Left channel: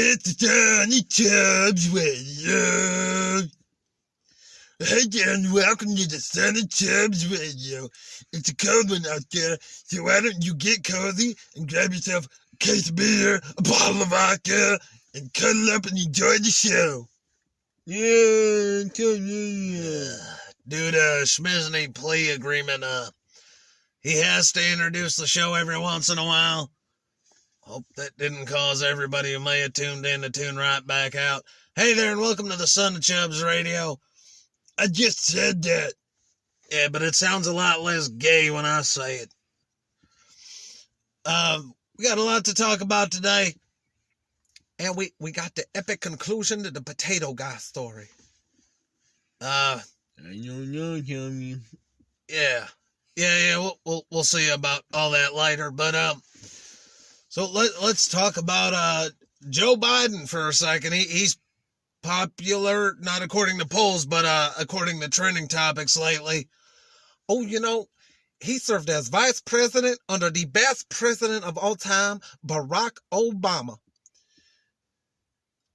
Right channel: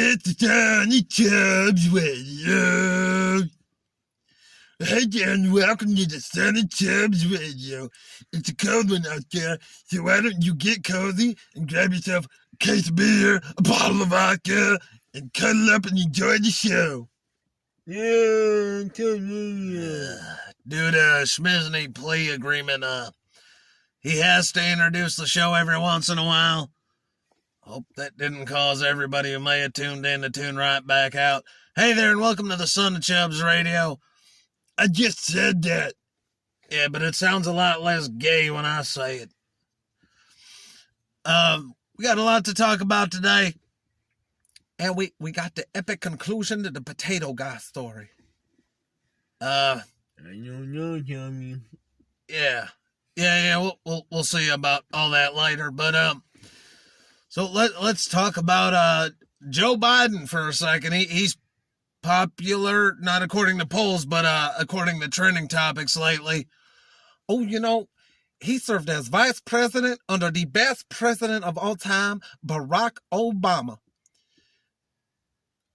It's on the Chubbs Radio. Hey there, and welcome to the Son of Chubbs Radio. It's a cold one out there, so why don't you get cozy and grab yourself a case of beer, a bottle of vodka, and cuddle up and enjoy the show. Yeah, Due to Schmisney plea agreement, he has to introduce the show every once in a while. Hope that didn't cause everybody who may have tuned in to tune right back out. Hey there, and welcome to the Son of Chubbs Radio. I just said that. Yeah, but it sounds a lot less gay when I say it. We got a lot to talk about today. And we got the epic conclusion to the potato guy story. I don't know, Tommy. Yeah, we'll see about all that later. But so let's talk about Joe Biden for a second. He's popular, not according to polls, but according to trending topics lately. Oh, you know, he served as vice president under the best president of all time, Barack Obama.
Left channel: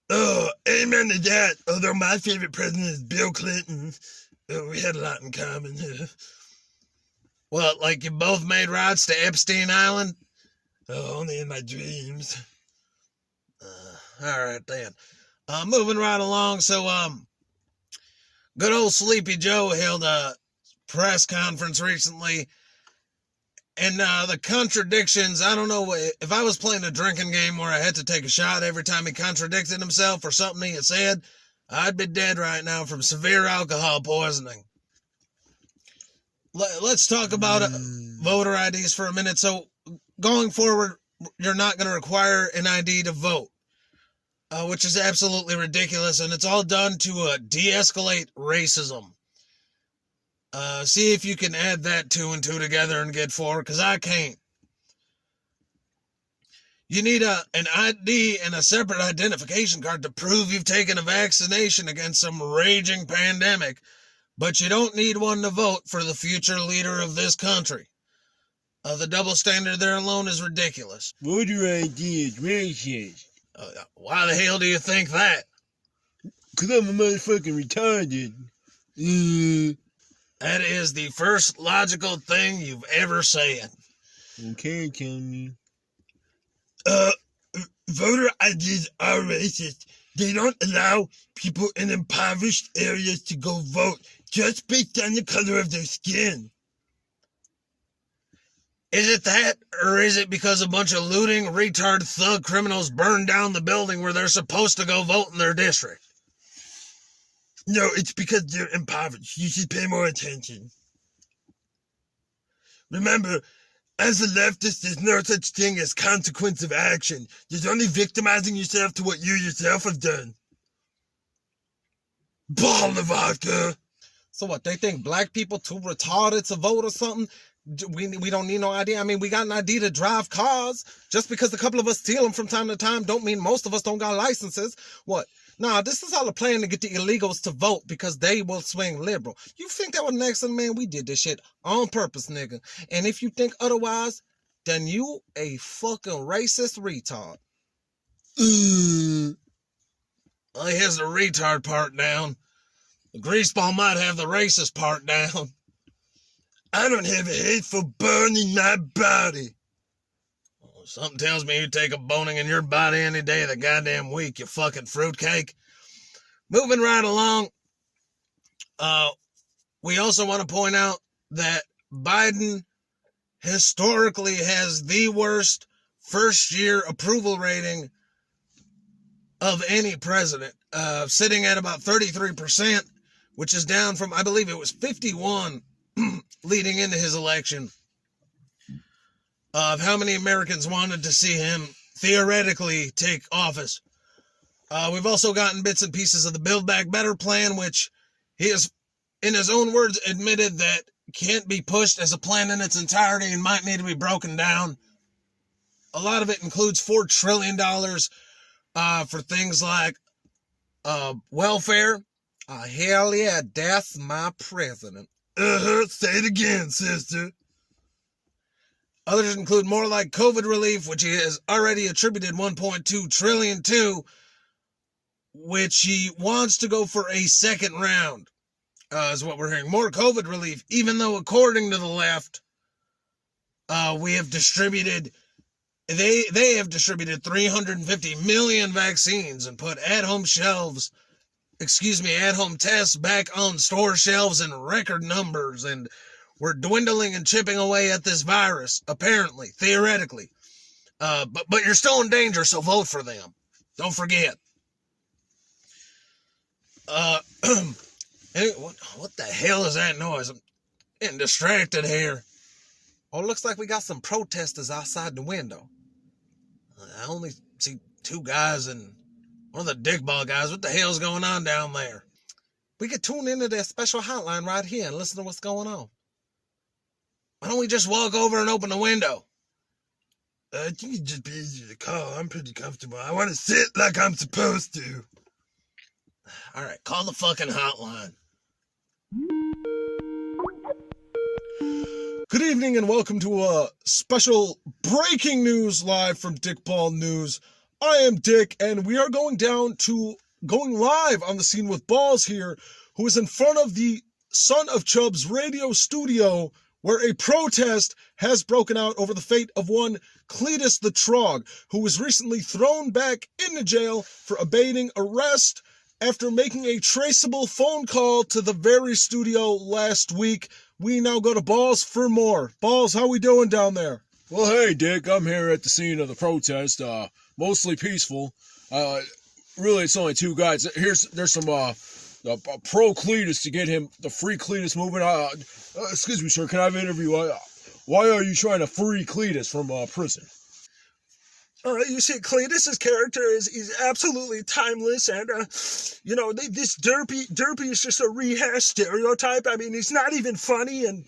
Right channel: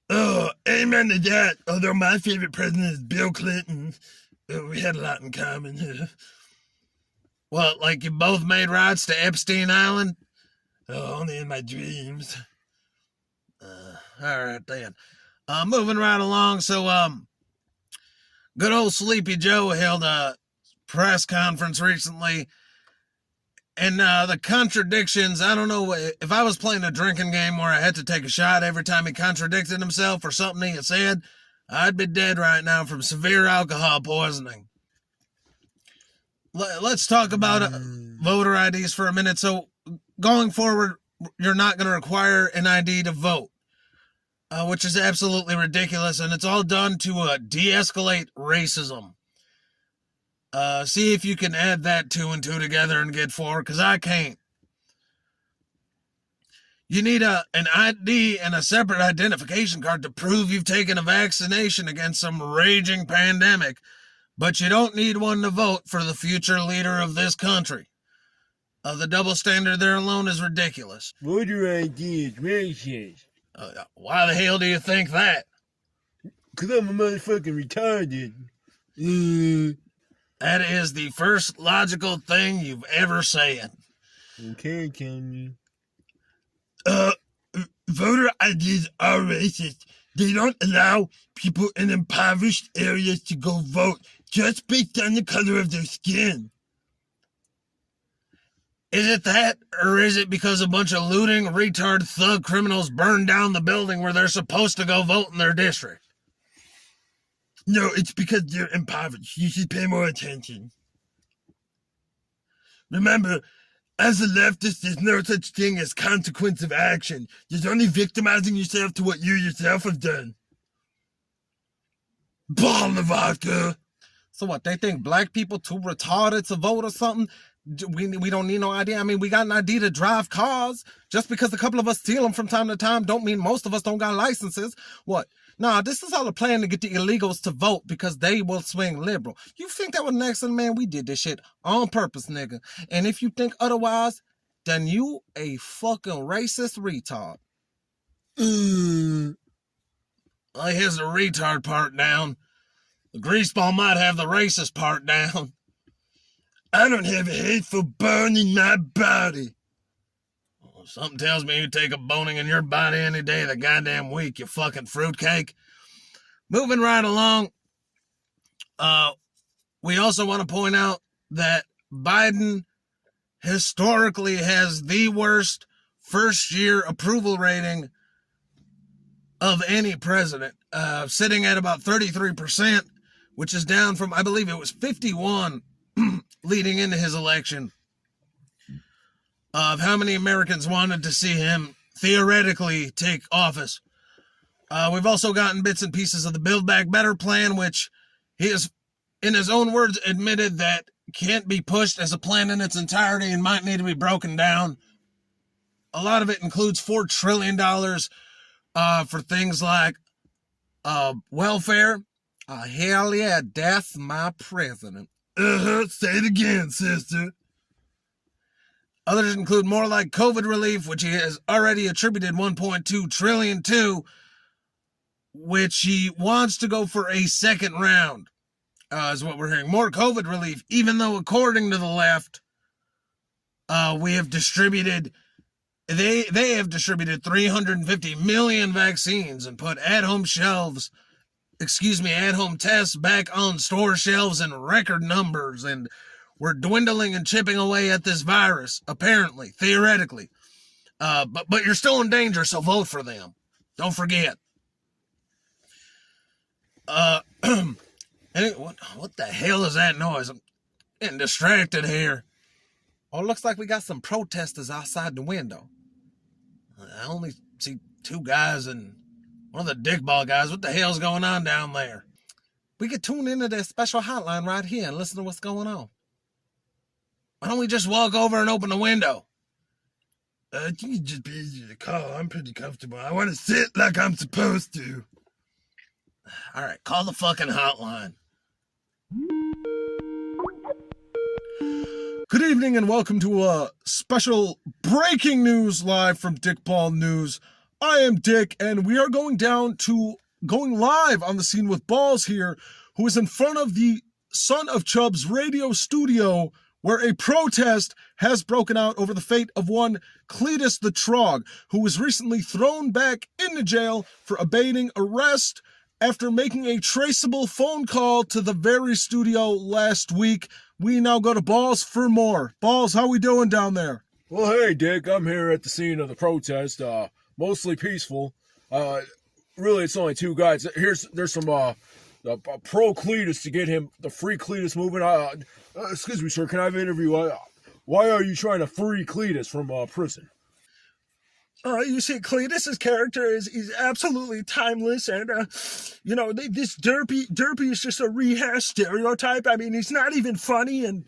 Oh, amen to that. Although my favorite president is Bill Clinton. We had a lot in common. Well, like you both made rides to Epstein Island? Oh, only in my dreams. All right, then. Moving right along. So, good old Sleepy Joe held a press conference recently. And the contradictions, I don't know, if I was playing a drinking game where I had to take a shot every time he contradicted himself or something he had said, I'd be dead right now from severe alcohol poisoning. Let's talk about voter IDs for a minute. So going forward, you're not going to require an ID to vote, which is absolutely ridiculous. And it's all done to de-escalate racism. See if you can add that 2 and 2 together and get forward, because I can't. You need an ID and a separate identification card to prove you've taken a vaccination against some raging pandemic, but you don't need one to vote for the future leader of this country. The double standard there alone is ridiculous. Voter ID is racist. Why the hell do you think that? Because I'm a motherfucking retarded. That is the first logical thing you've ever said. Okay, Tommy. Voter IDs are racist. They don't allow people in impoverished areas to go vote just based on the color of their skin. Is it that, or is it because a bunch of looting, retard, thug criminals burned down the building where they're supposed to go vote in their district? No, it's because they're impoverished. You should pay more attention. Remember, as a leftist, there's no such thing as consequence of action. There's only victimizing yourself to what you yourself have done. Bottle of vodka. So what, they think black people too retarded to vote or something? We don't need no ID. I mean, we got an ID to drive cars. Just because a couple of us steal them from time to time don't mean most of us don't got licenses. What? Nah, this is all a plan to get the illegals to vote because they will swing liberal. You think that was an accident, man? We did this shit on purpose, nigga. And if you think otherwise, then you a fucking racist retard. Well, he has the retard part down. The greaseball might have the racist part down. I don't have a hateful bone in my body. Something tells me you take a boning in your body any day of the goddamn week, you fucking fruitcake. Moving right along, we also want to point out that Biden historically has the worst first-year approval rating of any president, sitting at about 33%, which is down from, I believe it was 51 leading into his election. Of how many Americans wanted to see him theoretically take office. We've also gotten bits and pieces of the Build Back Better plan, which he has, in his own words, admitted that can't be pushed as a plan in its entirety and might need to be broken down. A lot of it includes $4 trillion for things like welfare. Hell yeah, that's my president. Say it again, sister. Others include more like COVID relief, which he has already attributed 1.2 trillion to, which he wants to go for a second round, is what we're hearing. More COVID relief, even though according to the left, we have distributed, they have distributed 350 million vaccines and put at-home tests back on store shelves in record numbers, and we're dwindling and chipping away at this virus, apparently, theoretically. But you're still in danger, so vote for them. Don't forget. What the hell is that noise? I'm getting distracted here. Oh, it looks like we got some protesters outside the window. I only see two guys and one of the dickball guys. What the hell's going on down there? We could tune into their special hotline right here and listen to what's going on. Why don't we just walk over and open the window? I think it'd just be easier to call. I'm pretty comfortable. I want to sit like I'm supposed to. All right, call the fucking hotline. Good evening and welcome to a special breaking news live from Dick Ball News. I am Dick, and we are going live on the scene with Balls here, who is in front of the Son of Chubbs radio studio, where a protest has broken out over the fate of one Cleetus The Trog, who was recently thrown back into jail for evading arrest after making a traceable phone call to the very studio last week. We now go to Balls for more. Balls, how we doing down there? Well, hey, Dick, I'm here at the scene of the protest, mostly peaceful. Really, it's only two guys. There's some pro Cleetus to get him the free Cleetus movement. Excuse me, sir, can I have an interview? Why are you trying to free Cleetus from prison? You see, Cleetus's character is absolutely timeless, and this derpy is just a rehashed stereotype. I mean, he's not even funny, and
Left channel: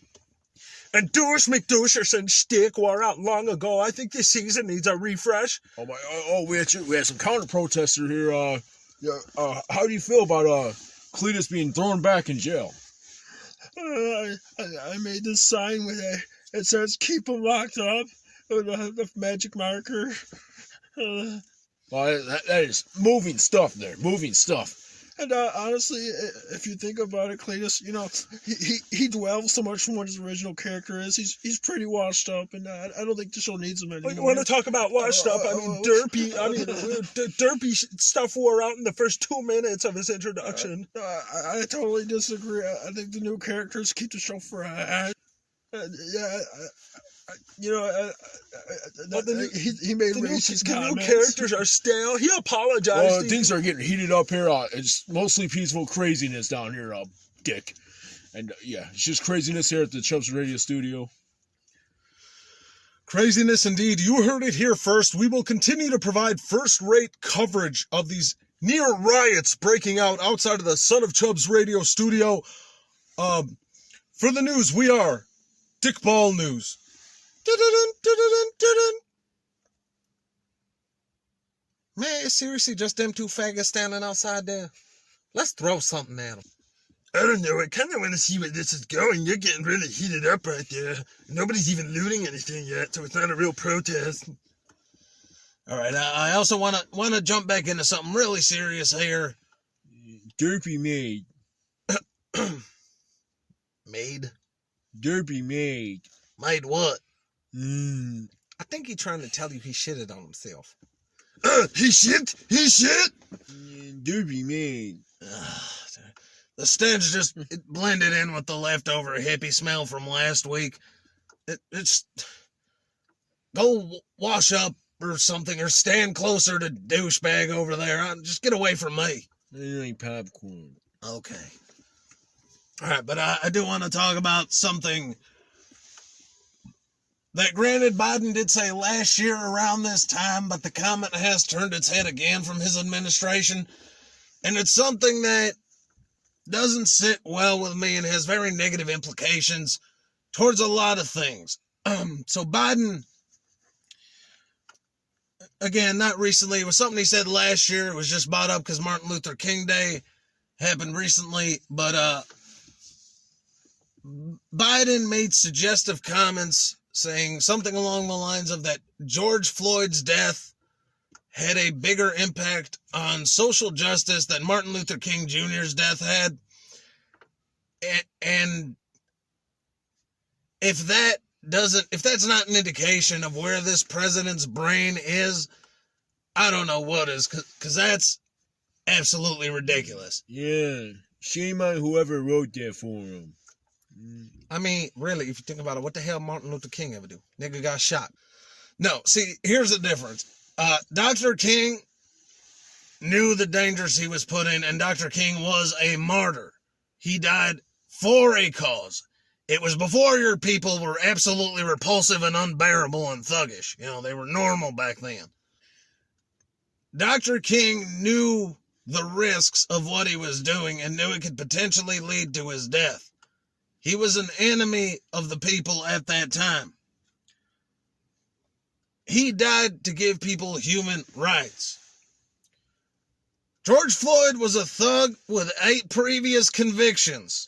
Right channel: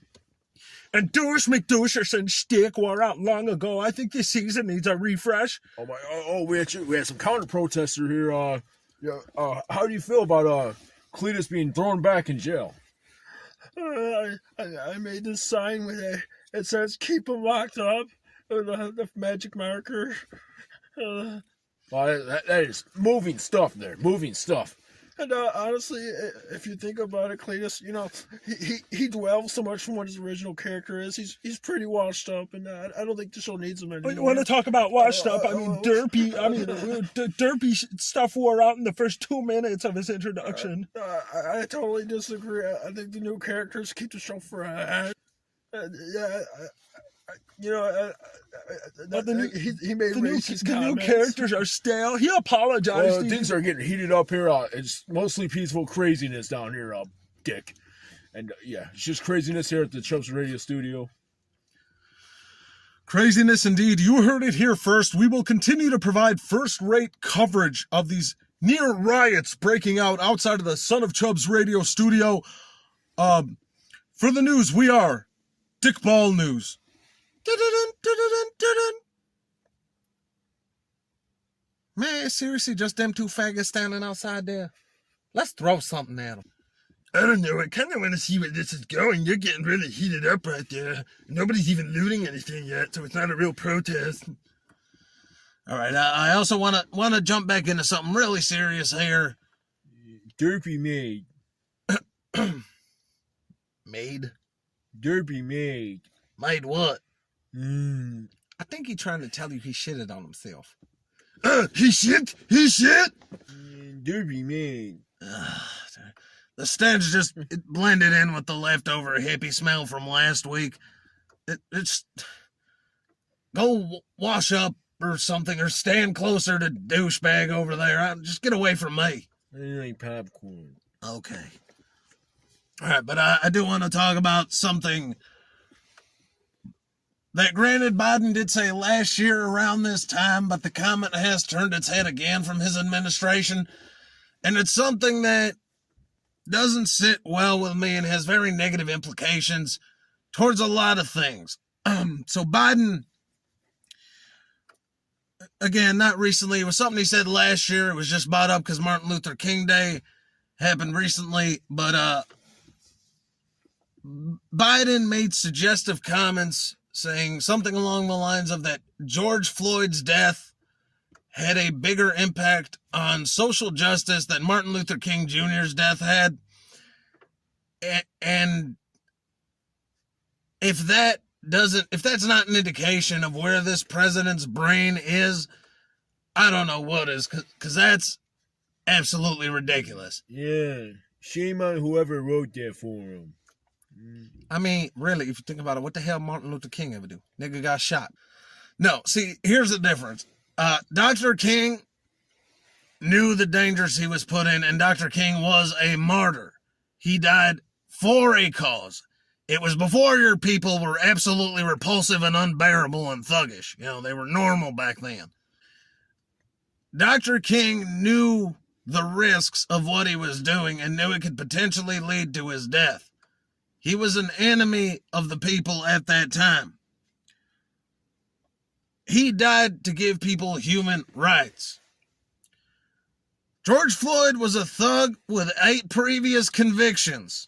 Douche McDoucherson shtick wore out long ago. I think this season needs a refresh. We had some counter protesters here. How do you feel about Cleetus being thrown back in jail? I made this sign with it says "Keep him locked up" with the magic marker. That is moving stuff there. Moving stuff. And honestly, if you think about it, Cleetus, he dwells so much from what his original character is. He's pretty washed up, and I don't think the show needs him anymore. You want to talk about washed up? Derpy stuff wore out in the first 2 minutes of his introduction. I totally disagree. I think the new characters keep the show fresh. He made racist comments. The new characters are stale. He apologized. Well, things are getting heated up here. It's mostly peaceful craziness down here, Dick. And it's just craziness here at the Chubbs Radio studio. Craziness indeed. You heard it here first. We will continue to provide first-rate coverage of these near riots breaking out outside of the Son of Chubbs Radio studio. For the news, we are Dick Ball News. Man, seriously, just them two faggots standing outside there. Let's throw something at them. I don't know. I kind of want to see where this is going. You're getting really heated up right there. Nobody's even looting anything yet, so it's not a real protest. All right. I also want to jump back into something really serious here. Derpy maid. Maid? Derpy maid. Maid what? I think he's trying to tell you he shitted on himself. He shit? He shit? Derpy maid. The stench just blended in with the leftover hippie smell from last week. It's go wash up or something, or stand closer to douchebag over there. Just get away from me. You ain't popcorn. Okay. All right, but I do want to talk about something that, granted, Biden did say last year around this time, but the comment has turned its head again from his administration, and it's something that doesn't sit well with me and has very negative implications towards a lot of things. So Biden, again, not recently, it was something he said last year. It was just brought up because Martin Luther King Day happened recently, but Biden made suggestive comments saying something along the lines of that George Floyd's death had a bigger impact on social justice than Martin Luther King Jr.'s death had. And if that's not an indication of where this president's brain is, I don't know what is, because that's absolutely ridiculous. Yeah, shame on whoever wrote that for him. I mean, really, if you think about it, what the hell Martin Luther King ever do? Nigga got shot. No, see, here's the difference. Dr. King knew the dangers he was put in, and Dr. King was a martyr. He died for a cause. It was before your people were absolutely repulsive and unbearable and thuggish. You know, they were normal back then. Dr. King knew the risks of what he was doing and knew it could potentially lead to his death. He was an enemy of the people at that time. He died to give people human rights. George Floyd was a thug with 8 previous convictions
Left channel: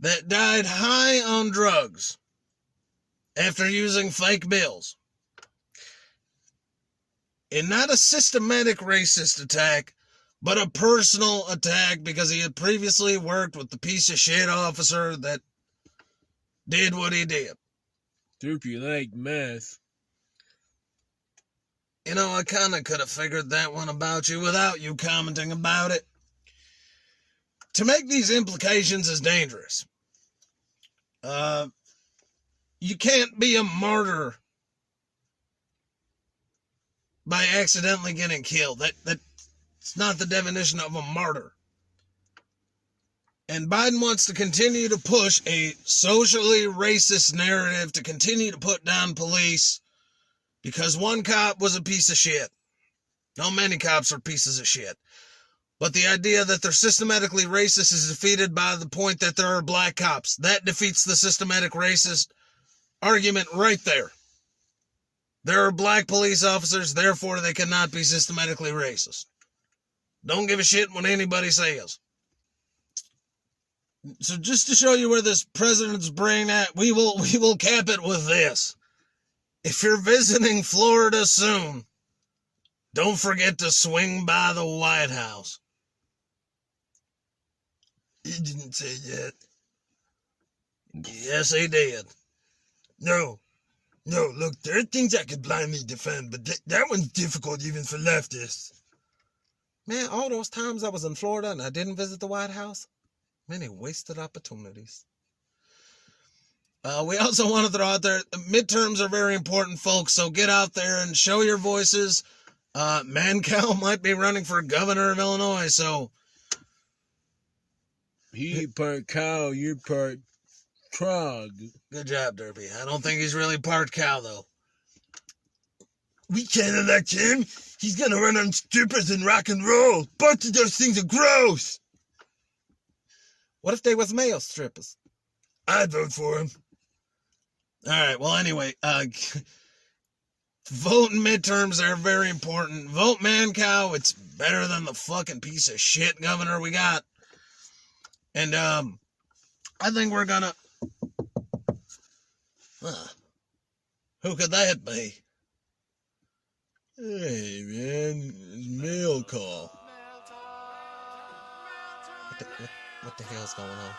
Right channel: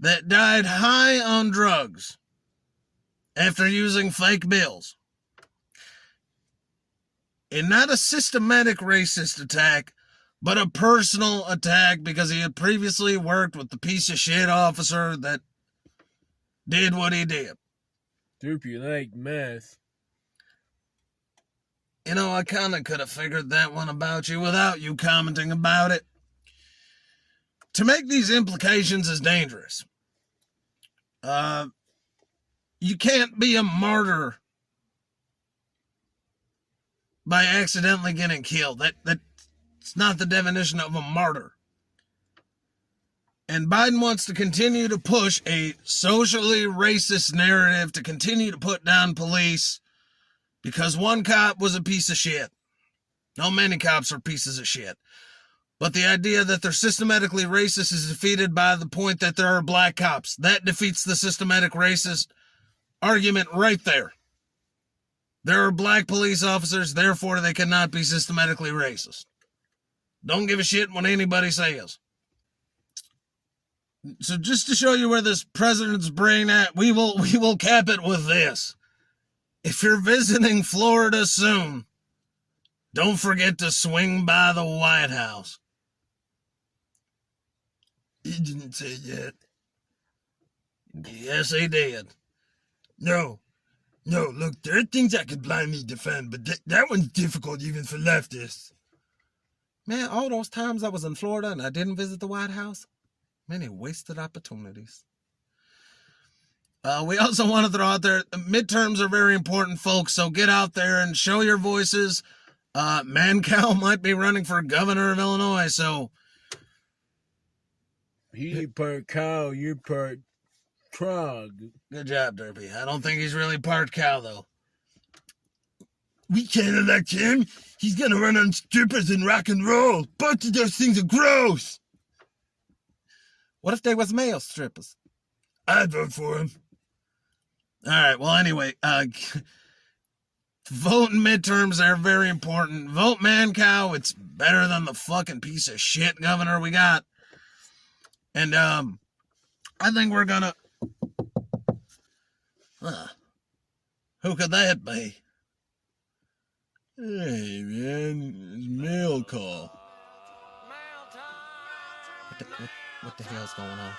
that died high on drugs after using fake bills. And not a systematic racist attack, but a personal attack because he had previously worked with the piece of shit officer that did what he did. Hope you like meth. You know, I kind of could have figured that one about you without you commenting about it. To make these implications is dangerous. You can't be a martyr by accidentally getting killed. That's not the definition of a martyr. And Biden wants to continue to push a socially racist narrative to continue to put down police because one cop was a piece of shit. No, many cops are pieces of shit. But the idea that they're systematically racist is defeated by the point that there are black cops. That defeats the systematic racist argument right there. There are black police officers, therefore they cannot be systematically racist. Don't give a shit what anybody says. So just to show you where this president's brain at, we will cap it with this. If you're visiting Florida soon, don't forget to swing by the White House. He didn't say that. Yes, he did. No, look, there are things I could blindly defend, but that one's difficult even for leftists. Man, all those times I was in Florida and I didn't visit the White House, many wasted opportunities. We also want to throw out there, midterms are very important, folks, so get out there and show your voices. Mancow might be running for governor of Illinois, so... He part cow, you part trog. Good job, Derby. I don't think he's really part cow, though. We can't elect him. He's gonna run on strippers and rock and roll. Both of those things are gross. What if they was male strippers? I'd vote for him. All right, well, anyway, vote in midterms are very important. Vote Mancow. It's better than the fucking piece of shit governor we got. And, I think we're gonna... who could that be? Hey, man, it's mail call. What the hell's going on?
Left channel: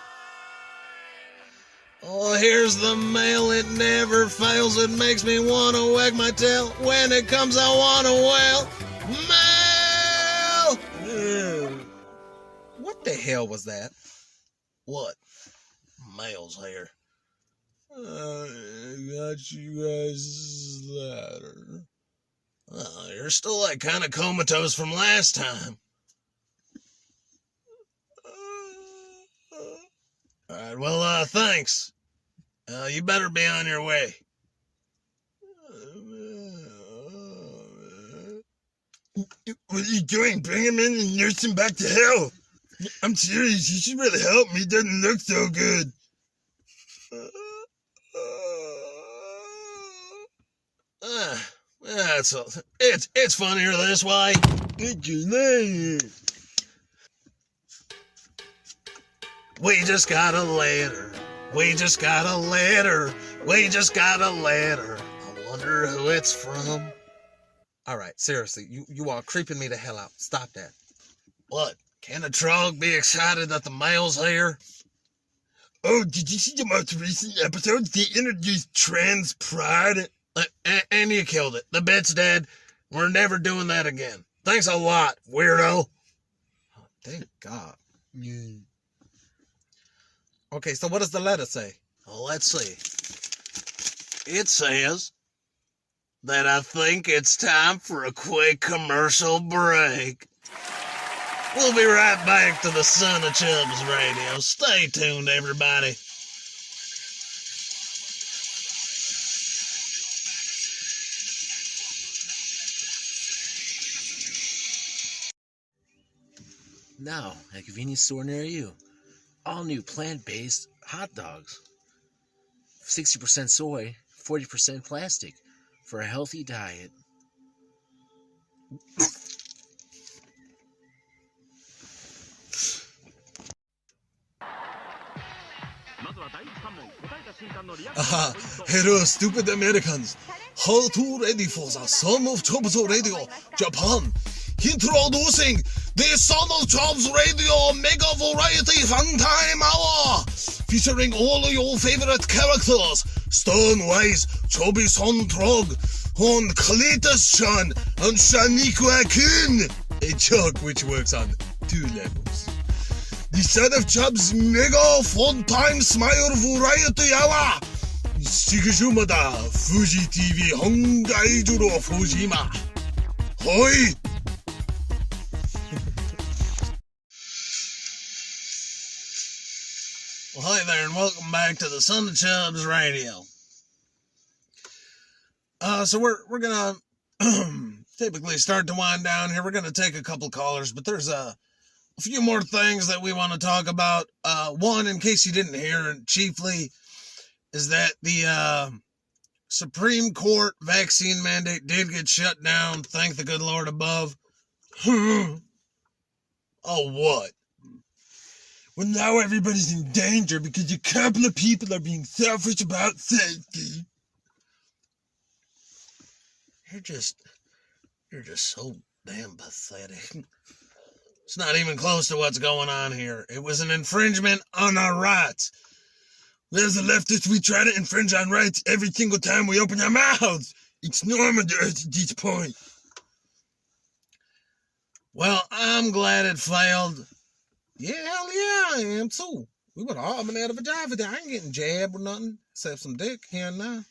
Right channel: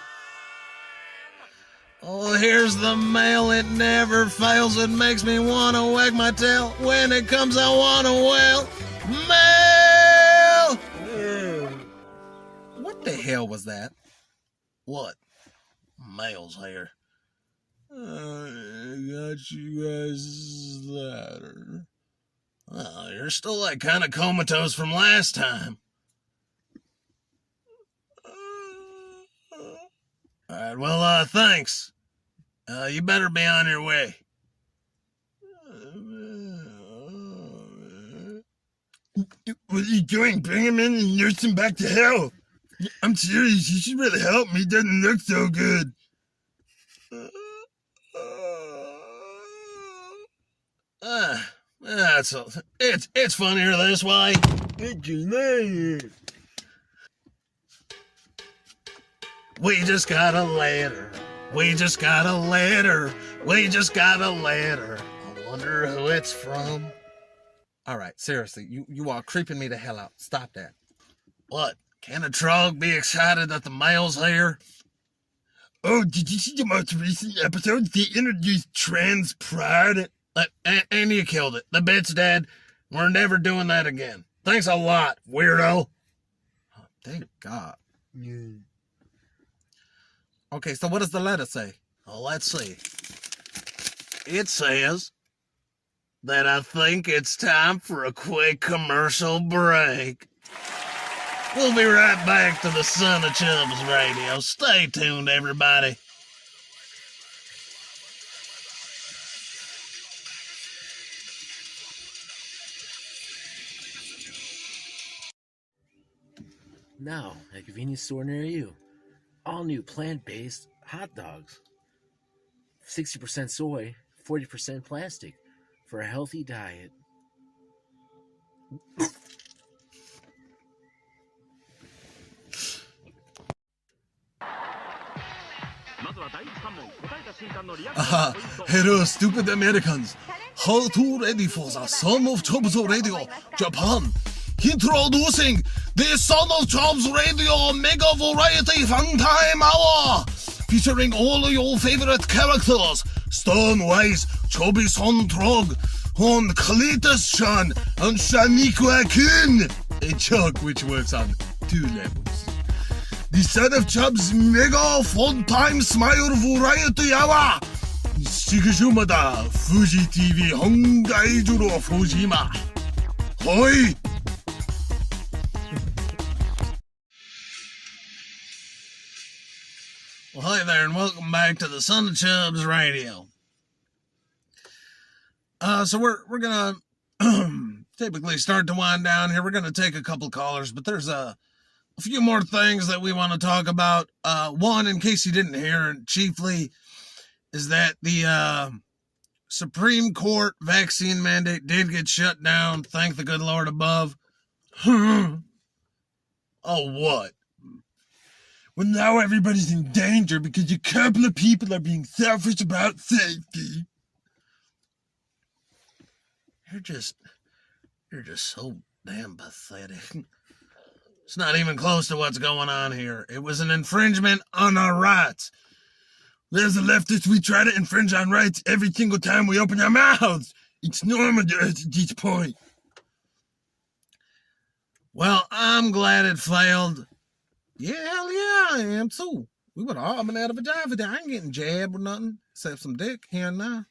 Oh, here's the mail. It never fails. It makes me want to wag my tail. When it comes, I want to wail. Mail! Ew. What the hell was that? What? Mail's here. I got you guys' letter. Oh, you're still like kind of comatose from last time. All right, well, thanks. You better be on your way. What are you doing? Bring him in and nurse him back to health. I'm serious. You should really help me. He doesn't look so good. It's funnier this way. What's your name? We just got a letter We just got a letter. We just got a letter. I wonder who it's from. All right, seriously, you are creeping me the hell out. Stop that. What? Can a Trog be excited that the mail's here? Oh, did you see the most recent episode? They introduced trans pride. And you killed it. The bit's dead. We're never doing that again. Thanks a lot, weirdo. Oh, thank God. Okay, so what does the letter say? Well, let's see. It says that I think it's time for a quick commercial break. We'll be right back to the Son of Chubbs Radio. Stay tuned, everybody. Now, at a convenience store near you. All new plant-based hot dogs. 60% soy, 40% plastic. For a healthy diet. Hello, stupid Americans. How to ready for the Son of Chubbs Radio, Japan. Introducing the Son of Chubbs Radio Mega Variety Fun Time Hour, featuring all your favorite characters: Stonewise, Chubby Son Trog, on Cleetus Shan, and Shaniqua Kun, a joke which works on 2 levels. The Son of Chubbs Mega Fun Time Smile Variety Hour. Shigashumada Fuji TV Hongai Juro Fujima. Hoi! Well, hi there, and welcome back to the Son of Chubbs Radio. So we're gonna typically start to wind down here. We're gonna take a couple callers, but there's a few more things that we want to talk about. One, in case you didn't hear, and chiefly, is that the Supreme Court vaccine mandate did get shut down. Thank the good Lord above. Oh, what? Well, now everybody's in danger because a couple of people are being selfish about safety. You're just so damn pathetic. It's not even close to what's going on here. It was an infringement on our rights. As a leftist, we try to infringe on rights every single time we open our mouths. It's normal to us at this point. Well, I'm glad it failed. Yeah, hell yeah, I am too. We would have all been out of a job today. I ain't getting jabbed or nothing, except some dick here and there.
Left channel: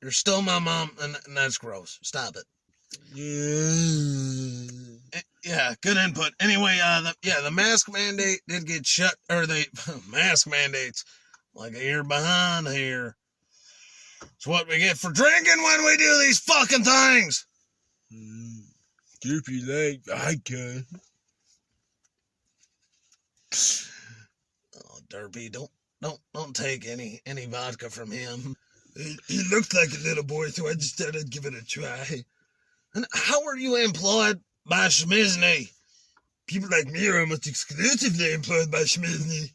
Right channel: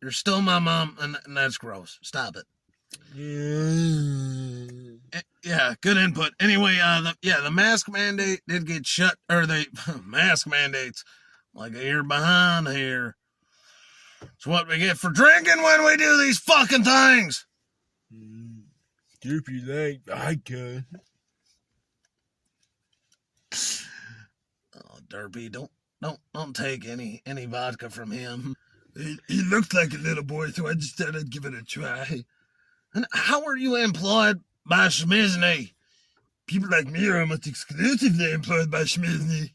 You're still my mom, and that's gross. Stop it. Yeah, good input. Anyway, the mask mandate did get shut, or the mask mandates, like a year behind here. It's what we get for drinking when we do these fucking things. If you like, I can. Oh, Derpy, don't take any vodka from him. He looks like a little boy, so I just thought I'd give it a try. And how are you employed by Schmizni? People like me are almost exclusively employed by Schmizni.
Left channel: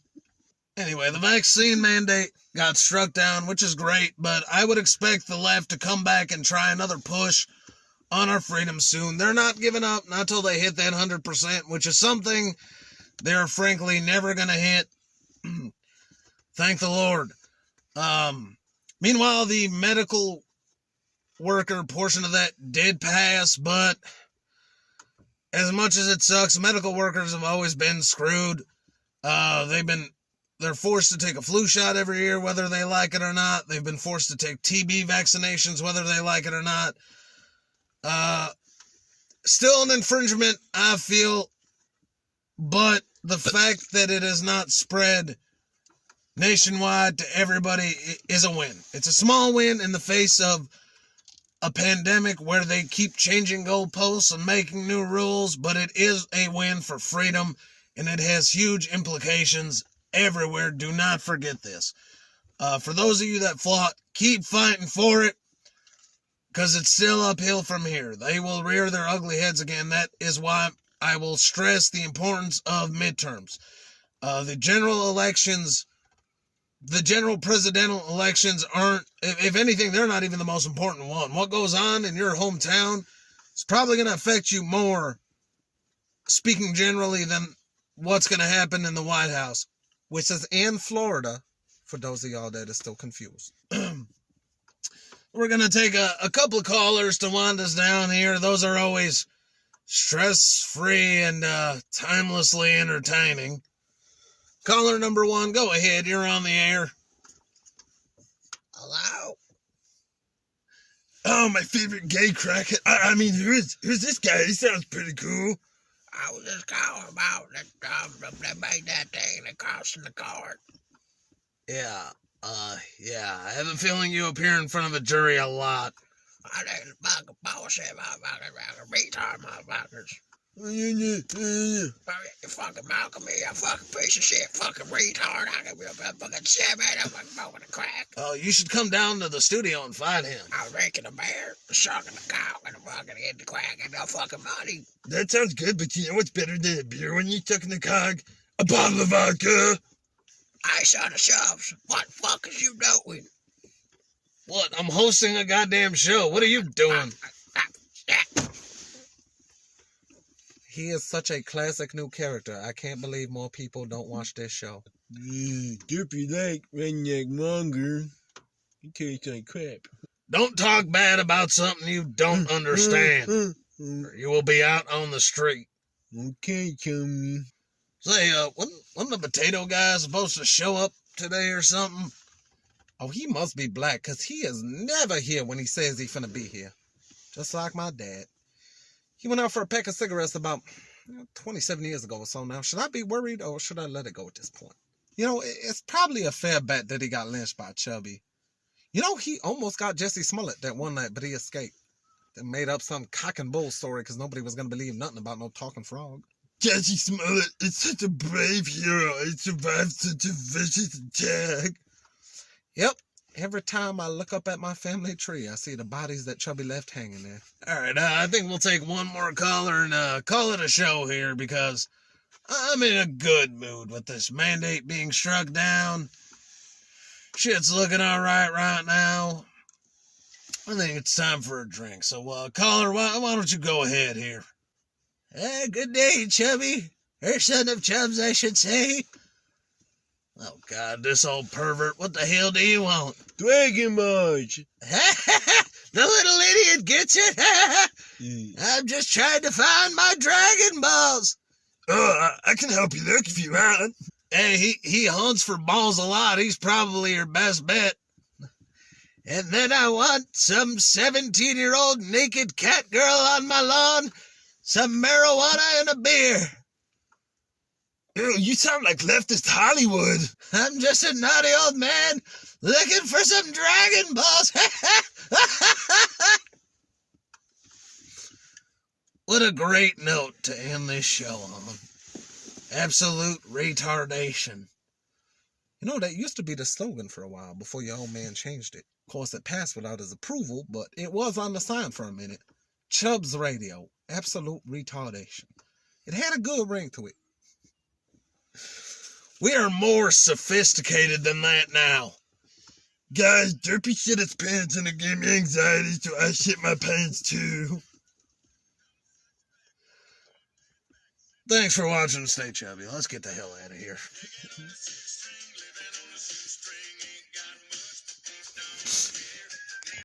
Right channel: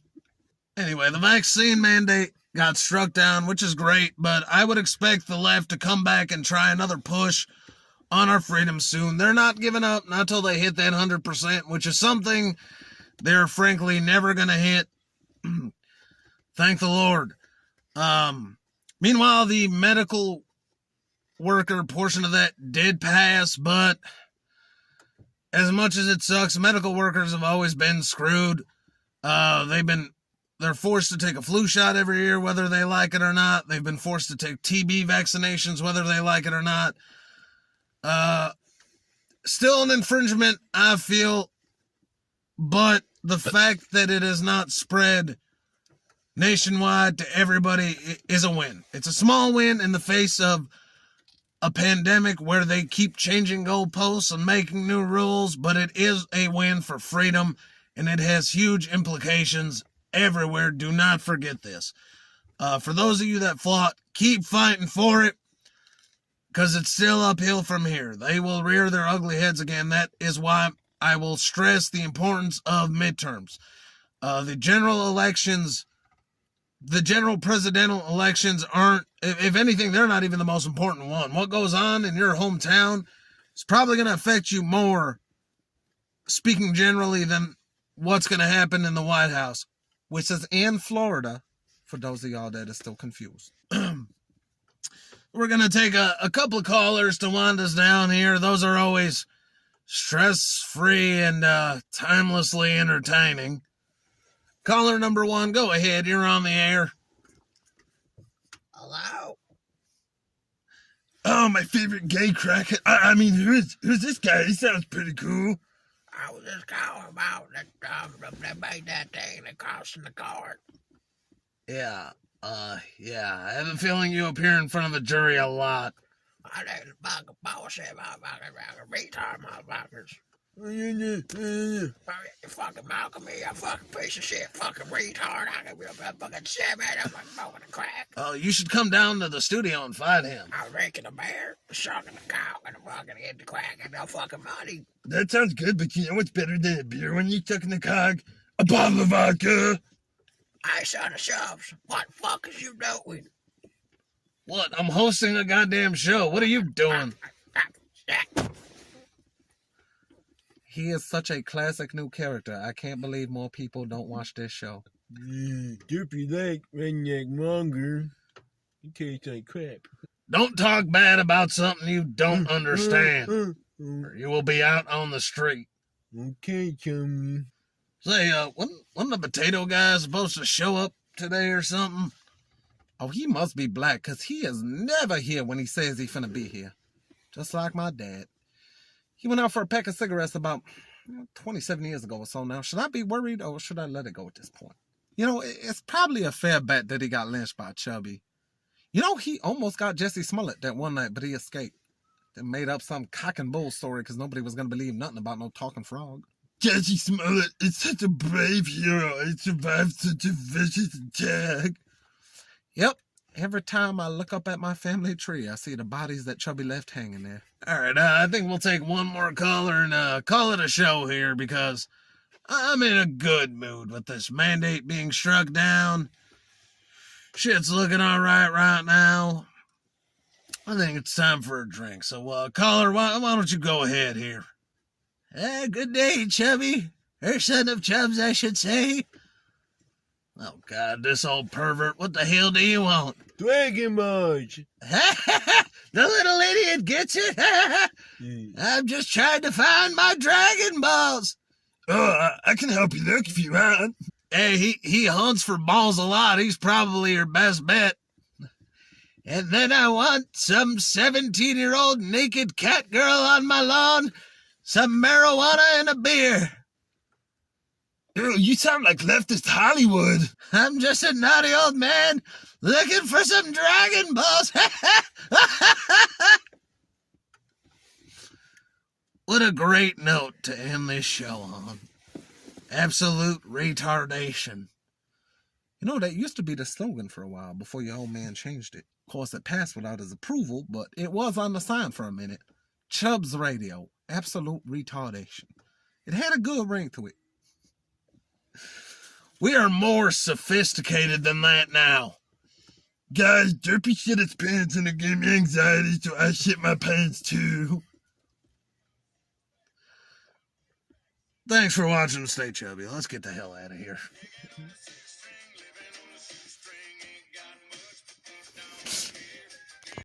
Anyway, the vaccine mandate got struck down, which is great, but I would expect the left to come back and try another push on our freedom soon. They're not giving up, not till they hit that 100%, which is something they're frankly never going to hit. Thank the Lord. Meanwhile, the medical worker portion of that did pass, but as much as it sucks, medical workers have always been screwed. They're forced to take a flu shot every year, whether they like it or not. They've been forced to take TB vaccinations, whether they like it or not. Still an infringement, I feel, but the fact that it is not spread nationwide to everybody is a win. It's a small win in the face of a pandemic where they keep changing goalposts and making new rules, but it is a win for freedom, and it has huge implications everywhere. Do not forget this. For those of you that fought, keep fighting for it, because it's still uphill from here. They will rear their ugly heads again. That is why I will stress the importance of midterms. The general presidential elections aren't, if anything, they're not even the most important one. What goes on in your hometown is probably going to affect you more, speaking generally, than what's going to happen in the White House, which is in Florida, for those of y'all that are still confused. We're going to take a couple of callers to wind us down here. Those are always stress-free and timelessly entertaining. Caller number 1, go ahead. You're on the air. Hello? Oh, my favorite gay crackhead. I mean, who's this guy? He sounds pretty cool. I was just calling about that, they made that thing that cost in the card. Yeah, I have a feeling you appear in front of a jury a lot. I didn't fucking bullshit, motherfucker, retard motherfuckers. You You fucking Malcolm me, a fucking piece of shit, fucking retard. I can be a fucking shit, man. I'm fucking smoking a crack. Oh, you should come down to the studio and fight him. I was drinking a beer, sucking a cock, and fucking hitting the crack and no fucking money. That sounds good, but you know what's better than a beer when you're stuck in the cog? A bottle of vodka. Hey, son of Chubbs, what the fuck is you doing? What? I'm hosting a goddamn show. What are you doing? He is such a classic new character. I can't believe more people don't watch this show. Derpy like redneck monger. He tastes like crap. Don't talk bad about something you don't understand, or you will be out on the street. Okay, chummy. Say, wasn't the potato guy supposed to show up today or something? Oh, he must be black, because he is never here when he says he's finna be here. Just like my dad. He went out for a pack of cigarettes about 27 years ago or so now. Should I be worried, or should I let it go at this point? You know, it's probably a fair bet that he got lynched by Chubby. You know, he almost got Jesse Smollett that one night, but he escaped. They made up some cock and bull story because nobody was going to believe nothing about no talking frog. Jesse Smollett is such a brave hero. He survived such a vicious attack. Yep. Every time I look up at my family tree, I see the bodies that Chubby left hanging there. All right, I think we'll take one more caller and call it a show here, because I'm in a good mood with this mandate being struck down. Shit's looking all right now. I think it's time for a drink. So, caller, why don't you go ahead here? Good day, Chubby. Or son of Chubbs, I should say. Oh, God, this old pervert. What the hell do you want? Dragon March. The little idiot gets it. I'm just trying to find my Dragon Balls. Oh, I can help you look if you want. Hey, he hunts for balls a lot. He's probably your best bet. And then I want some 17-year-old naked cat girl on my lawn, some marijuana, and a beer. Ew, you sound like leftist Hollywood. I'm just a naughty old man looking for some Dragon Balls. What a great note to end this show on. Absolute retardation. You know, that used to be the slogan for a while before your old man changed it. Of course, it passed without his approval, but it was on the sign for a minute. Chubbs Radio. Absolute retardation. It had a good ring to it. We are more sophisticated than that now. Guys, Derpy shit his pants and it gave me anxiety, so I shit my pants too. Thanks for watching. Stay chubby. Let's get the hell out of here.